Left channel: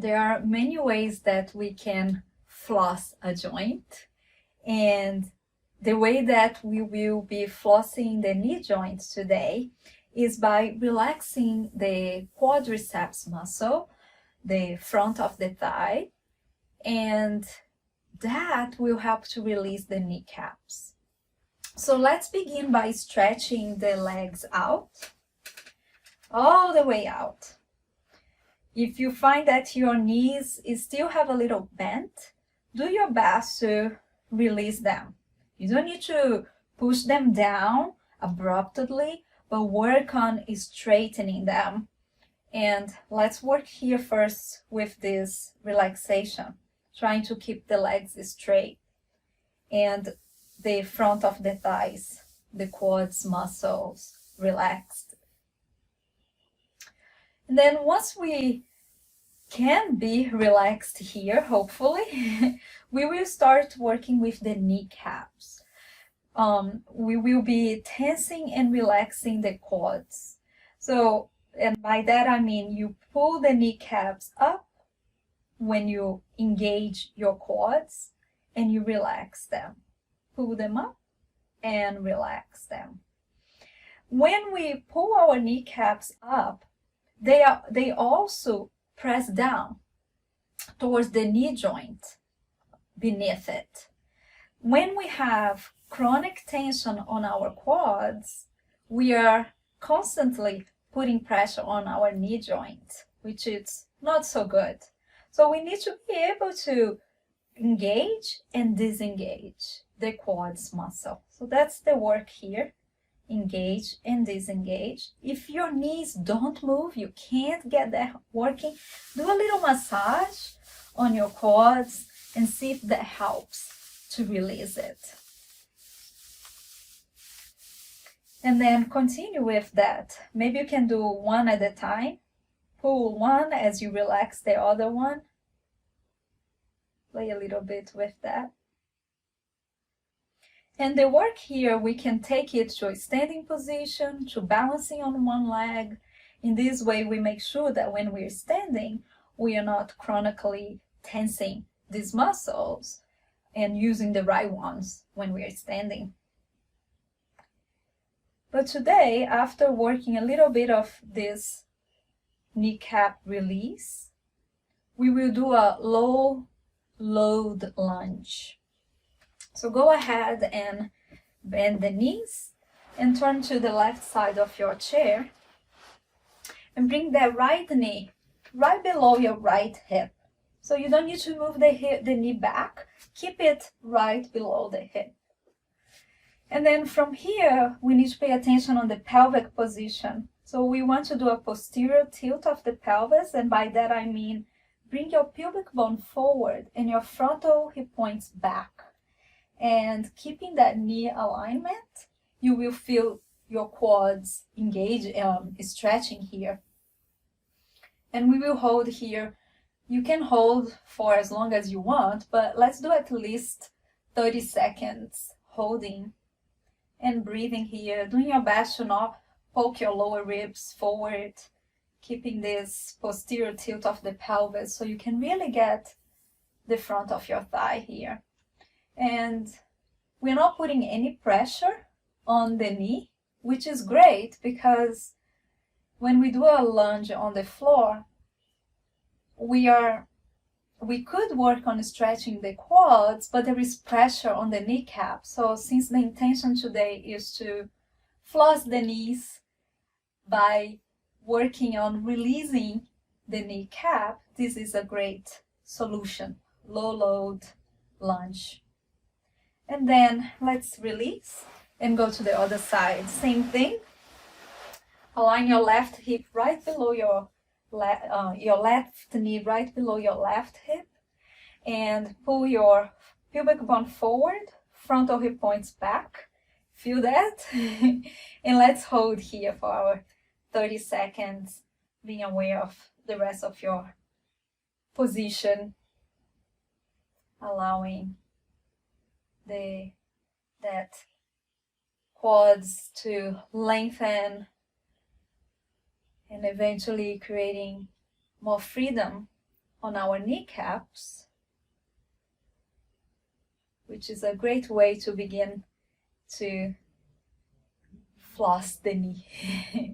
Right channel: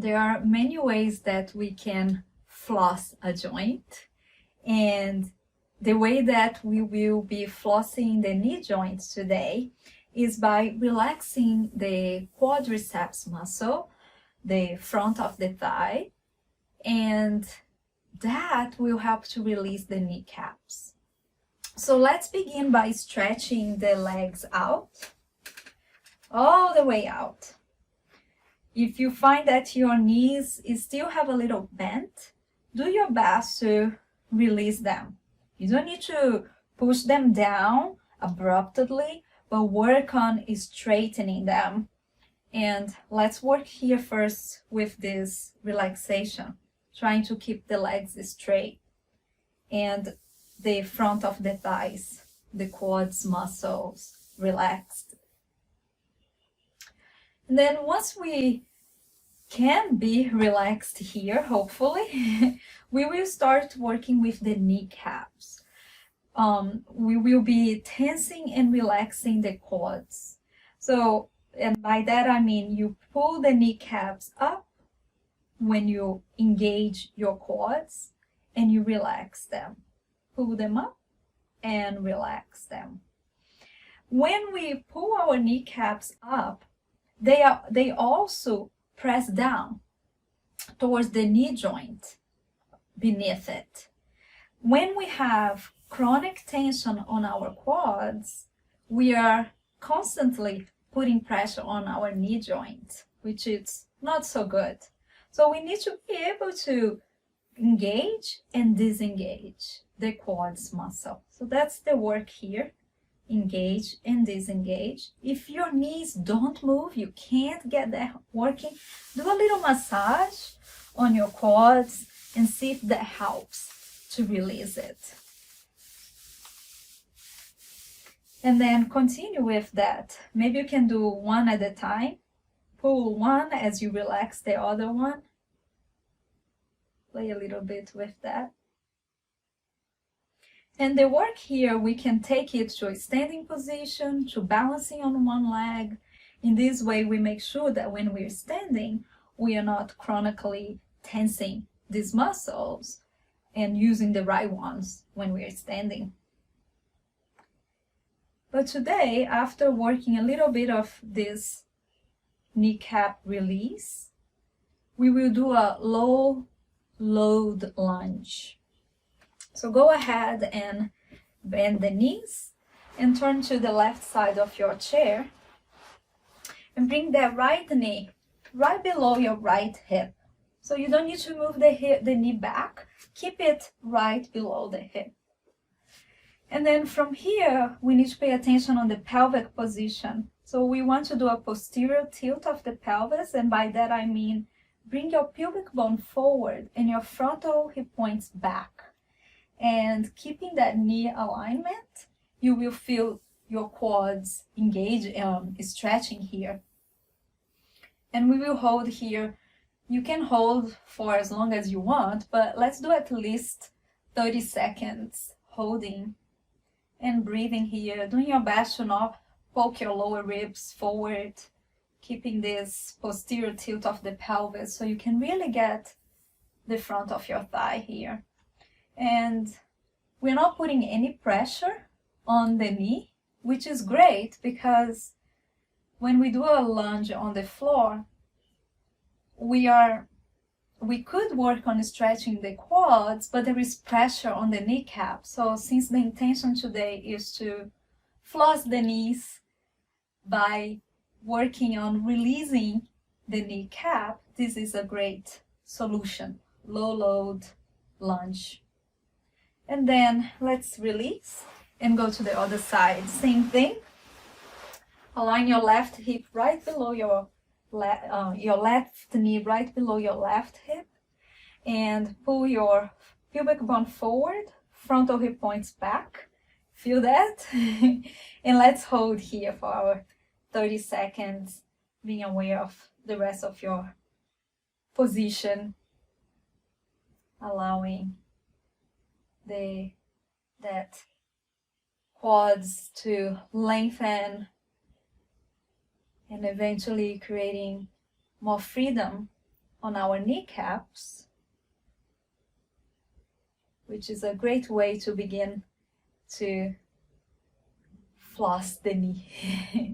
There are many ways that we can floss a joint, and the way that we will be flossing the knee joint today is by relaxing the quadriceps muscle, the front of the thigh, and that will help to release the kneecaps. So let's begin by stretching the legs out, all the way out. If you find that your knees still have a little bent, do your best to release them. You don't need to push them down abruptly, but work on straightening them. And let's work here first with this relaxation, trying to keep the legs straight and the front of the thighs, the quads muscles relaxed. And then once we can be relaxed here, hopefully, we will start working with the kneecaps. We will be tensing and relaxing the quads. So, and by that I mean you pull the kneecaps up when you engage your quads and you relax them. Pull them up and relax them. When we pull our kneecaps up, they also press down towards the knee joint beneath it. When we have chronic tension on our quads, we are constantly putting pressure on our knee joint, which is not so good. So we need to be able to engage and disengage the quads muscle. So that's the work here. Engage and disengage. If your knees don't move, you can't get that working, do a little massage on your quads and see if that helps to release it. And then continue with that. Maybe you can do one at a time. Pull one as you relax the other one. Play a little bit with that. And the work here, we can take it to a standing position, to balancing on one leg. In this way, we make sure that when we're standing, we are not chronically tensing these muscles and using the right ones when we are standing. But today, after working a little bit of this kneecap release, we will do a low load lunge. So go ahead and bend the knees and turn to the left side of your chair and bring that right knee right below your right hip. So you don't need to move the knee back, keep it right below the hip. And then from here, we need to pay attention on the pelvic position. So we want to do a posterior tilt of the pelvis, and by that I mean bring your pubic bone forward and your frontal hip points back. And keeping that knee alignment, you will feel your quads engage, stretching here. And we will hold here. You can hold for as long as you want, but let's do at least 30 seconds holding and breathing here, doing your best to not poke your lower ribs forward, keeping this posterior tilt of the pelvis so you can really get the front of your thigh here. And we're not putting any pressure on the knee, which is great because when we do a lunge on the floor, we could work on stretching the quads, but there is pressure on the kneecap. So since the intention today is to floss the knees by working on releasing the kneecap, this is a great solution. Low load lunge. And then let's release and go to the other side. Same thing. Align your left hip right below your left knee right below your left hip, and pull your pubic bone forward, frontal hip points back. Feel that? And let's hold here for our 30 seconds, being aware of the rest of your position, allowing that quads to lengthen and eventually creating more freedom on our kneecaps, which is a great way to begin to floss the knee.